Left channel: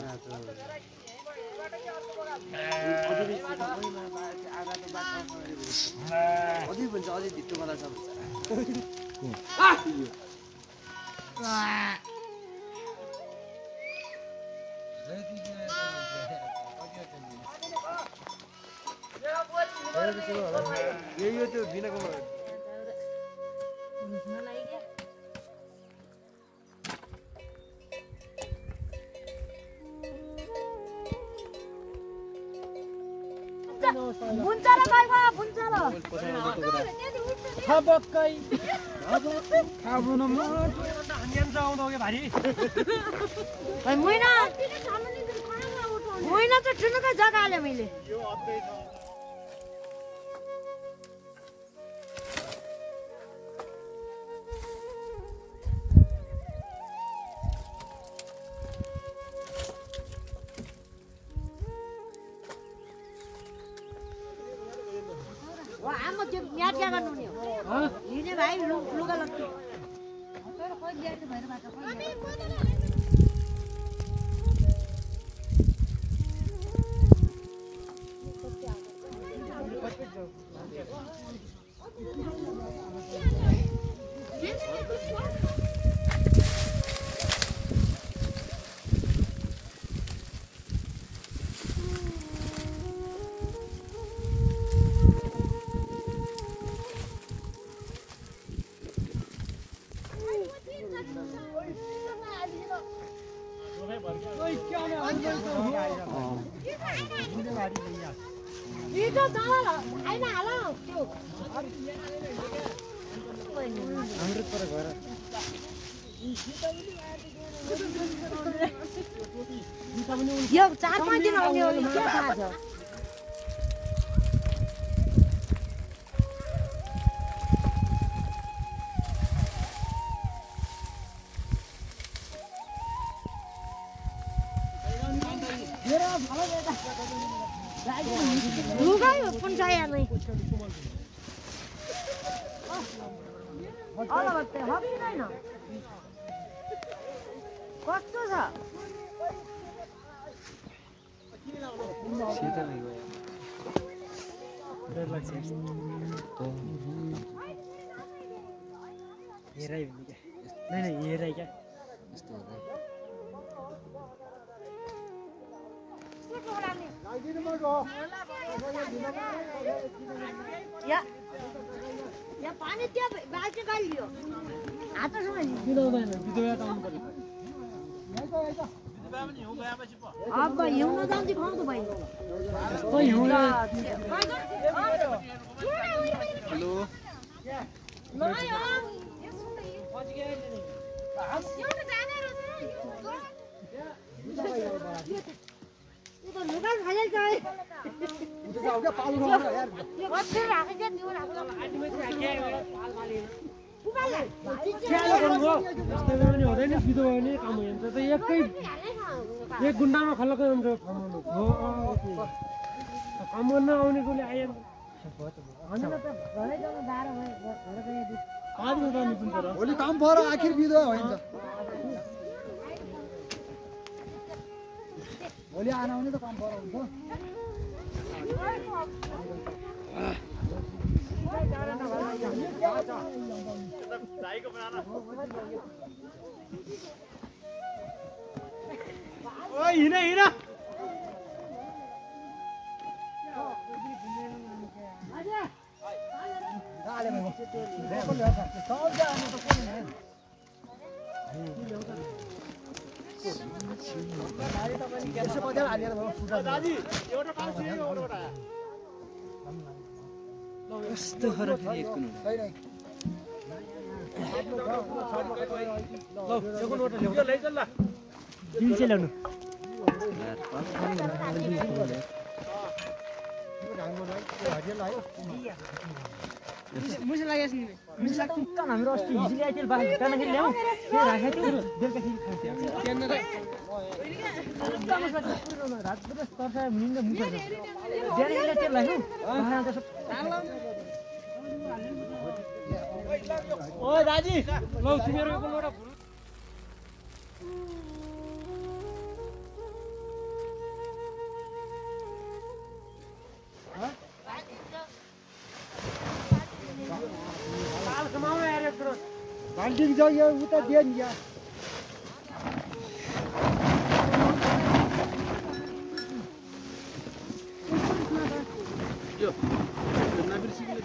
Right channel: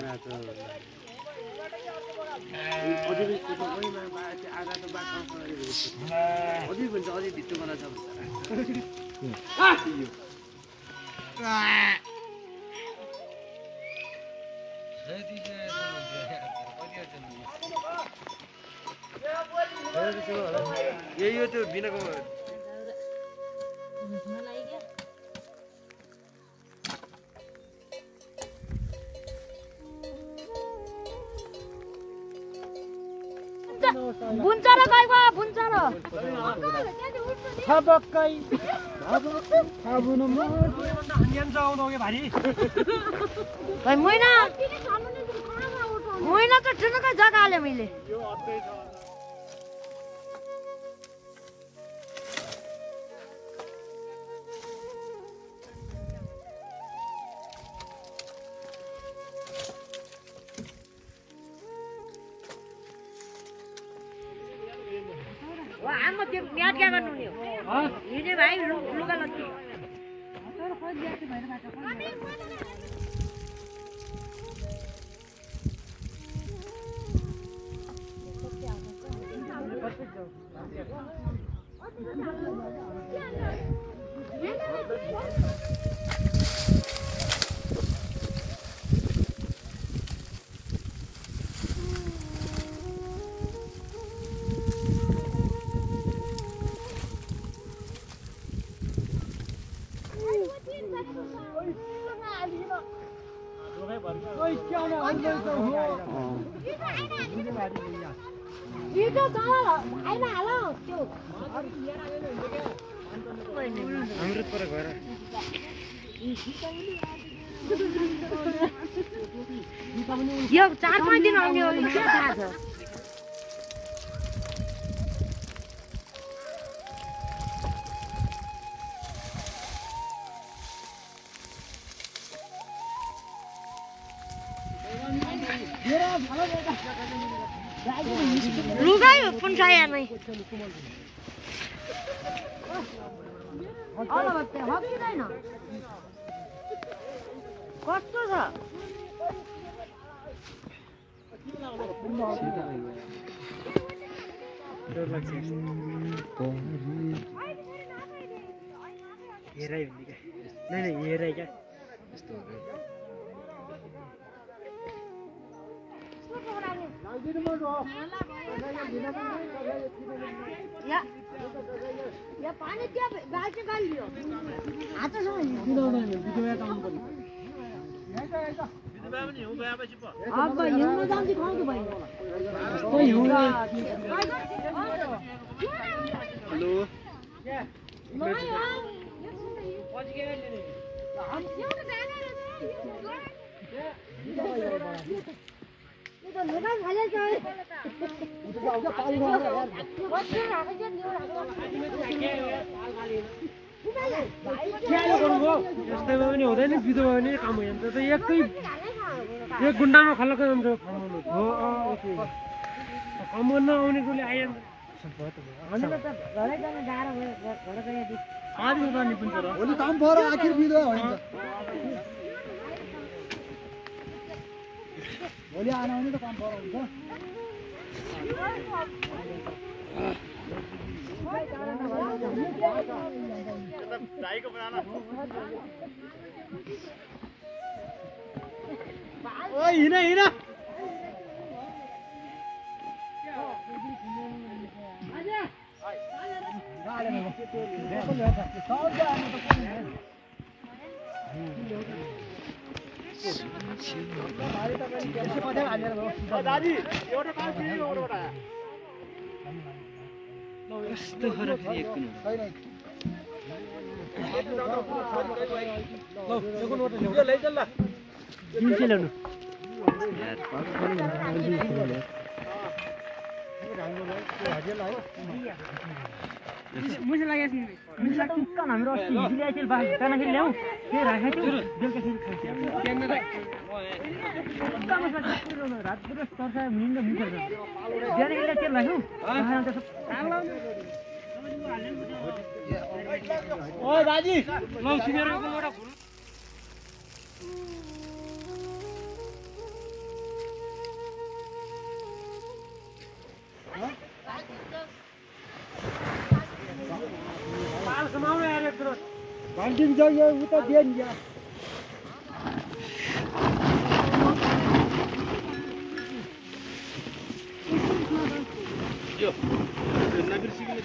आरा त अझै बेच्छ ओइमा आरा त बाटो अझै भन्छ अझै धितो वाला छ यो त्यो बिनाको बुन्चरा गइबा बुन्चरा खबक्कै खाबुनु म हन्यान जाउँदो के भारी मैना मैना त ठुनुकै जग्गा आले मैले यो अत्तै छ यो 4-5 दिन आउने हो के थाहा छ लुगाई पुन्साया नै कस्तो छ हेराइ नै हेराइ क्या यस्तो या पानी त्यहाँ गाडी गालियो हातसँग किनौदैन बिजुवा आउनु पर्यो अब हिउँमा जान्छ खाउँछु भाइ कोही हिउँला लुगा खाले जाए उता जाऊ क्या पाल गएर यार बस्छ राखे चाहिँ न्यु यस्तै पनि हुँदैन बिदो भयो भने काम हुन्छ त एक गुन्डामा खल्लको हुन्छ कमाउनु हो कमाउन आउनेकोले आइहाल्छ अनि त घरै जान गाह्रो भयो घर गए आदि गर्ने पनि छ र भोलि काम पऱ्यो आखिर बिदो होइन भोलि आउने त काम पऱ्यो हुन्छ ओइ हिँड हिँड दादी एउटा पानी एउटा यस्तो खरा फेरि मुझे लगे नहीं मुझे लगता है हाम्रो अस्ति हिजो आइखेल बाहिर ताना खेल ल्याउ फेरि राखे थियो बेलुका खेल खान्छ केन रात पुरा तर्सा निन्द मुछ ज्यादा इले तेल लाग्यो ओइ दाजी नै तिमीहरुको एउटा बाल्टिङ छ यो उता दिए नि या यो नगर सिगले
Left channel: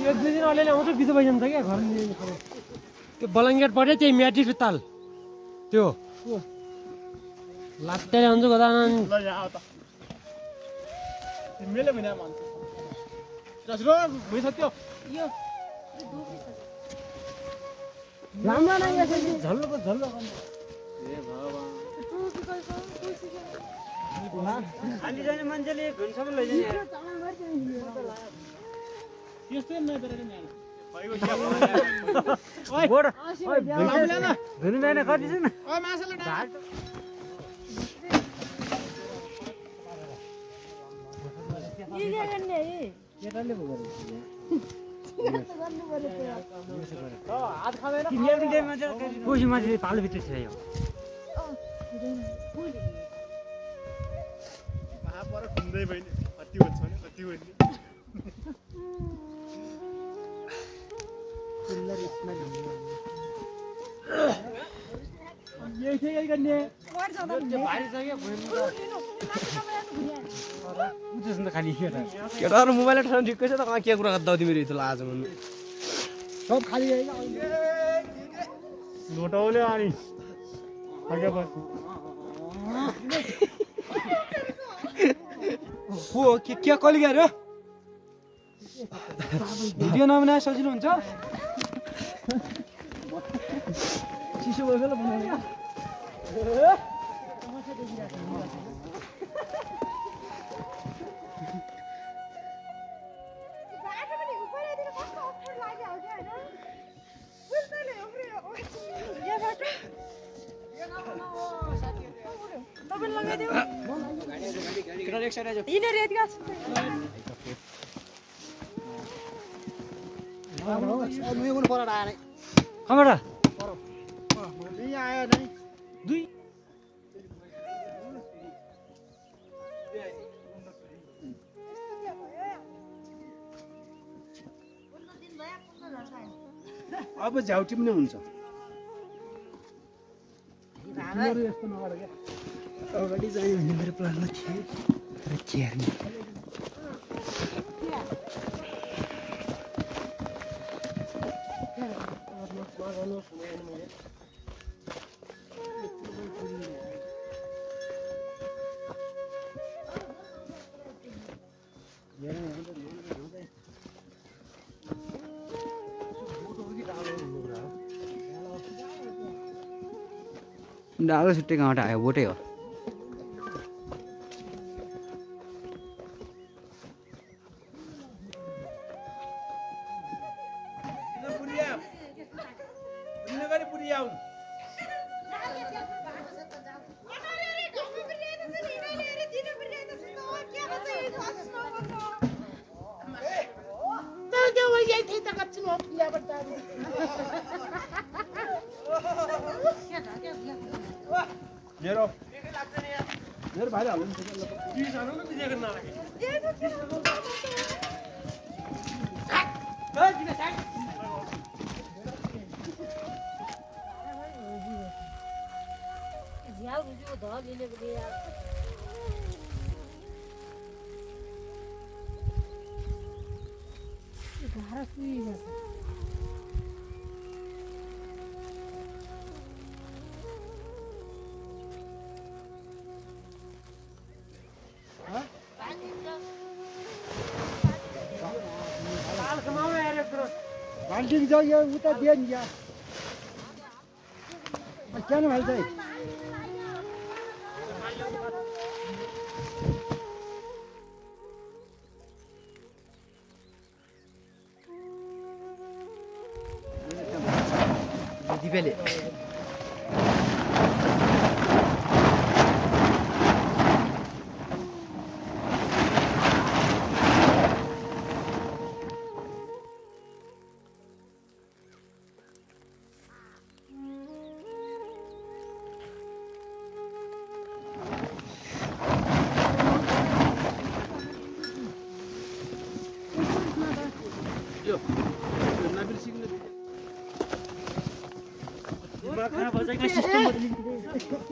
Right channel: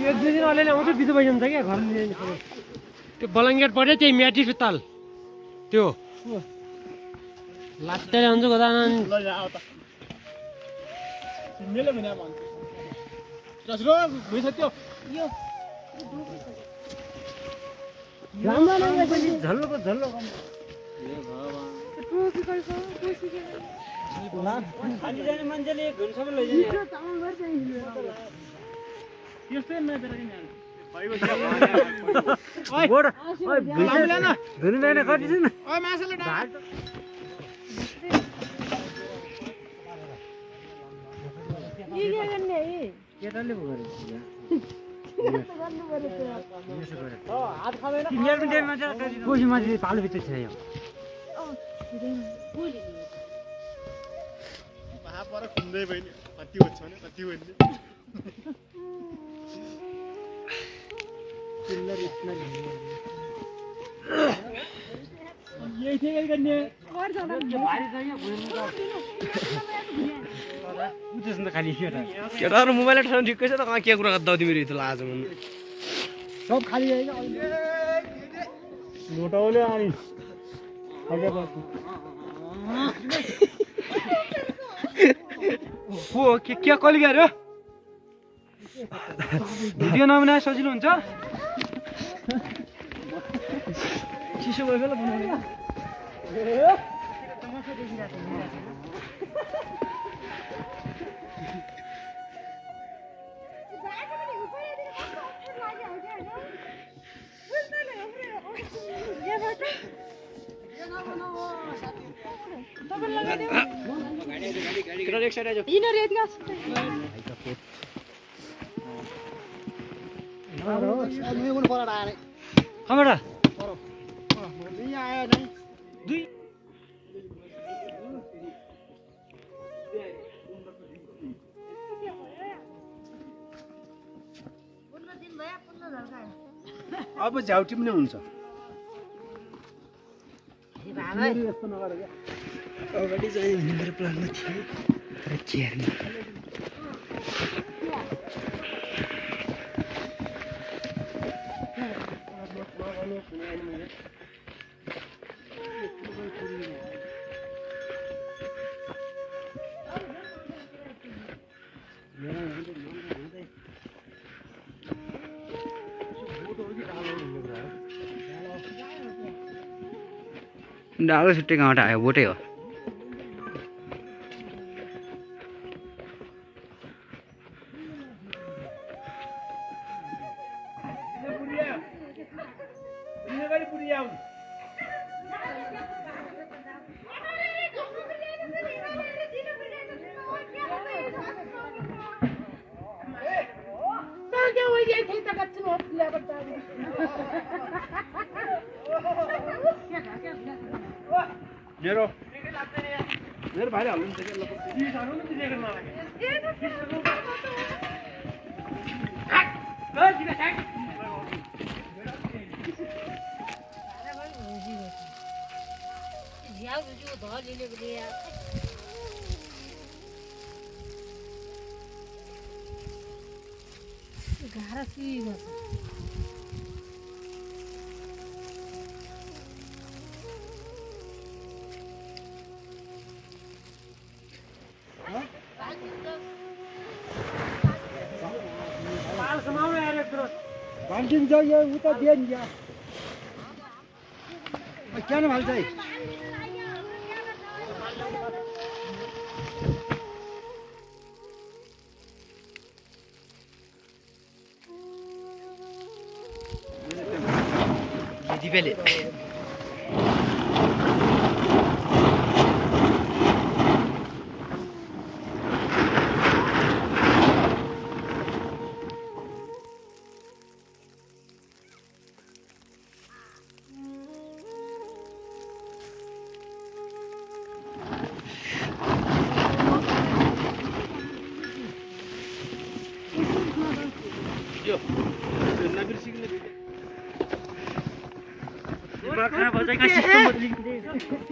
एक दुई दिन अलिअलि आउँछ बिजो भइजान्छ क्या घर त्यो बलङ्गेट पऱ्यो त्यही म्याटी फिताल त्यो लाट्टै हुन्छ गदा ल यहाँ आउ त तिमीले भने भन्छ रसरो भइछ त्यो राम्रो लाग्यो झल्लो झल्लो ए भगवान हाली जाने मान्छेले घुनसम्म लैजाने यस्तै नबेर नि घुम्दैन कति छ न केटाले कोही मान्छे पालोभित्र छ यो पर घुम्दै भइने कति हुन्छ भने कति भइने यही थियो गर्ने केटाहरु मोबाइल ठाउँ ठिकै छ त कहाँ के कुरा गर्दा तिमीहरु यति लाज सब खाली लोटाउले अनि अगे बस हो के कल गर्यो भिडियो नबनाए सजिलो हुन्छ चिसो भयो ल बनाउने अब झ्याउटी पनि हुन्छ यस्तो नगर क्या अगाडि चाहिँ मेरो प्लानमा थियो तर केयरमा डालो छुट्टै गाउँबाट आयो बोटै हो मेरो भाइले हाल्नु बाल्टिङ छ यो उता दिए नि या क्या भाइ चाहिँ दिदीले खराब भन्छ का सिस्टम बदलिन्छ